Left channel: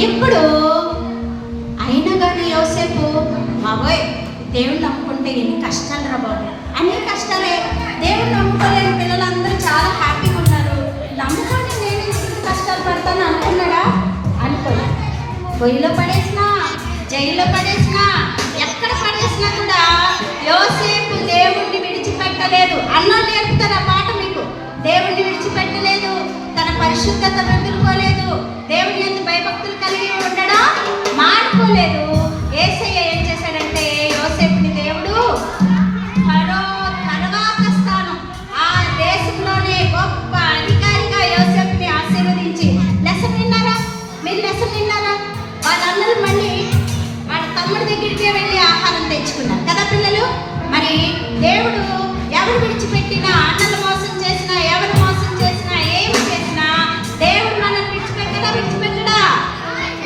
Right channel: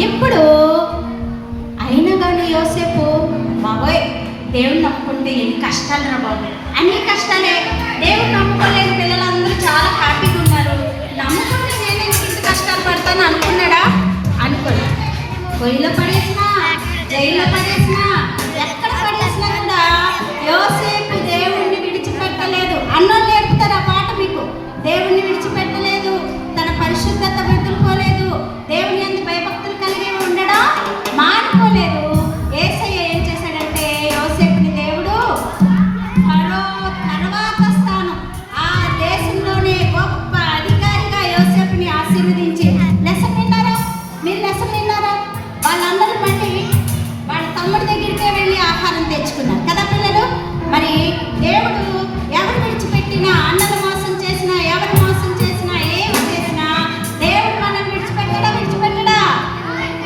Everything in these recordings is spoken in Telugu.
ఇప్పుడు అయినా కానీ యోసేపు బాబోయ్ దేవుని నమ్ముకుంటే ఎన్ని కష్టాలు రా బాబు. అన్ని కష్టాలే. దేవుని నమ్ముకోలేని పిల్లలందరూ చాలా హ్యాపీగా ఉన్నారు. నమ్ముకుని నేను ఇంత కష్టాలు పడతాను అనుకున్నాడా? అనుకోలే. పొయ్యిలో పడేసినా జైల్లో పడేసినా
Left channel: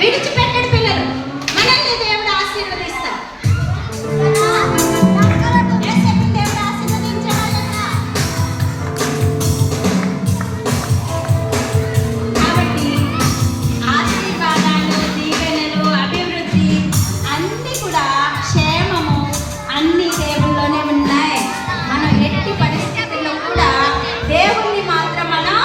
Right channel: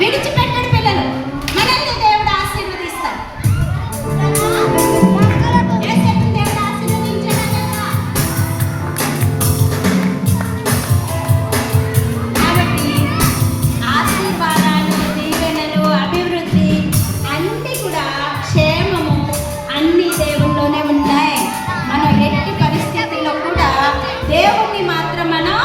విడిచిపెట్టడు పిల్లలు. మనల్ని దేవుడు ఆశీర్వదిస్తాడు. కాబట్టి ఆశీర్వాదాలు దీవెనలు అభివృద్ధి అన్నీ కూడా క్షేమము అన్ని దేవుల్లోనే ఉన్నాయి. మనం ఎట్టి పరిస్థితుల్లో కూడా దేవుణ్ణి మాత్రం మనం